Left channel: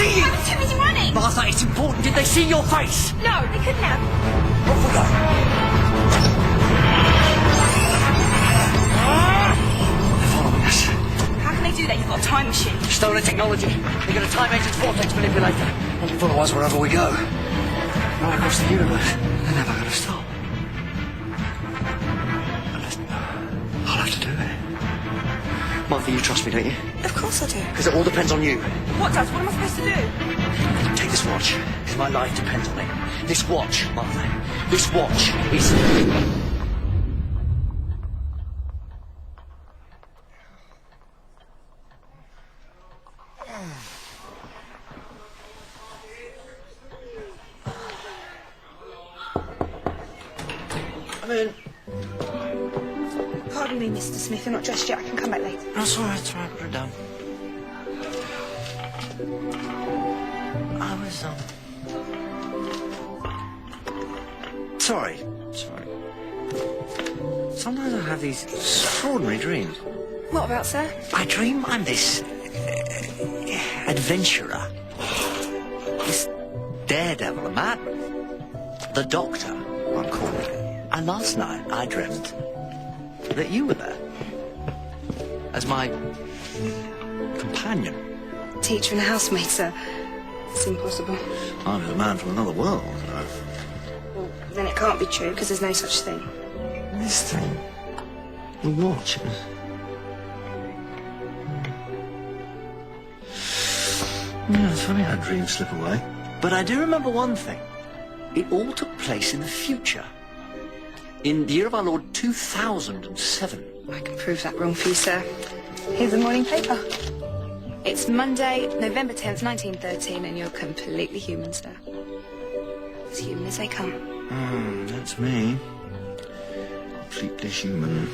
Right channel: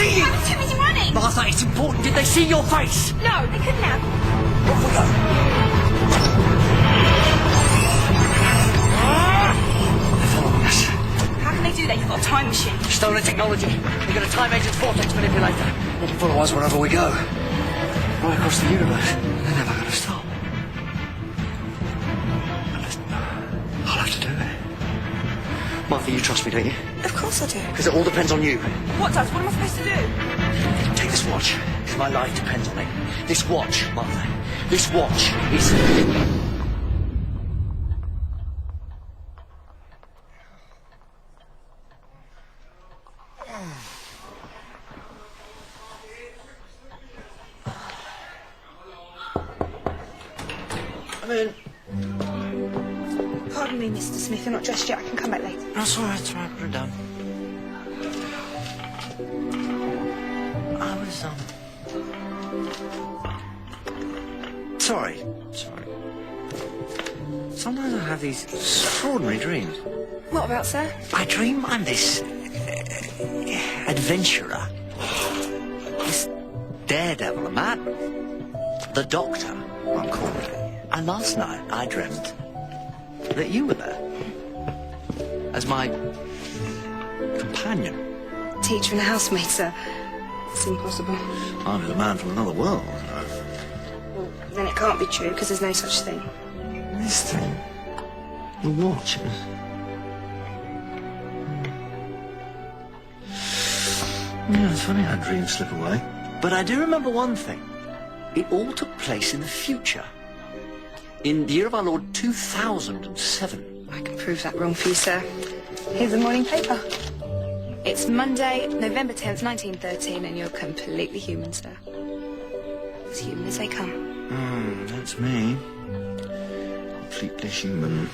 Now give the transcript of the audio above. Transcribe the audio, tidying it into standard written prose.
see you? I was too busy running. Martha, it's important. Did they see your face? No, they couldn't have. Off we go. They're following us. How can they do that? You've got a time machine. Stolen technology. They've got a time agent's vortex manipulator. They can follow us wherever we go. Right across the universe. They're never going to stop. I'll have to do it. Martha, you trust me, don't you? Of course I do. Because it all depends on you. What does? What am I supposed to do? Take this watch, because my life depends on it. This watch, Martha. This watch is... I'm in. Pardon me, Mr. Smith. You're not dressed yet. I can come back later. That's all right, it's all right. Put it down. I was, Sorry. Sometimes I have these extraordinary dreams. What about, sir? I dream I'm this... adventurer. This daredevil, a madman. The Doctor, I'm called. And last night I dreamt that you were there. As my... companion. Teacher and a housemaid, sir. It's impossible. I was a man from another world. Well, then it can't be true, because there's no such thing. This thing... the watch is... Yeah, it's funny how dreams slip away. But I do remember one thing. It all took place in the future. In the year of our Lord 2007. I can prove that wrong for you, sir. Here's the morning paper. It's Monday, November 10th, 1913, and you're completely human, sir. As human as they come. That's me. Completely human.